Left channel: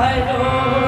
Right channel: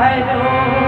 I know.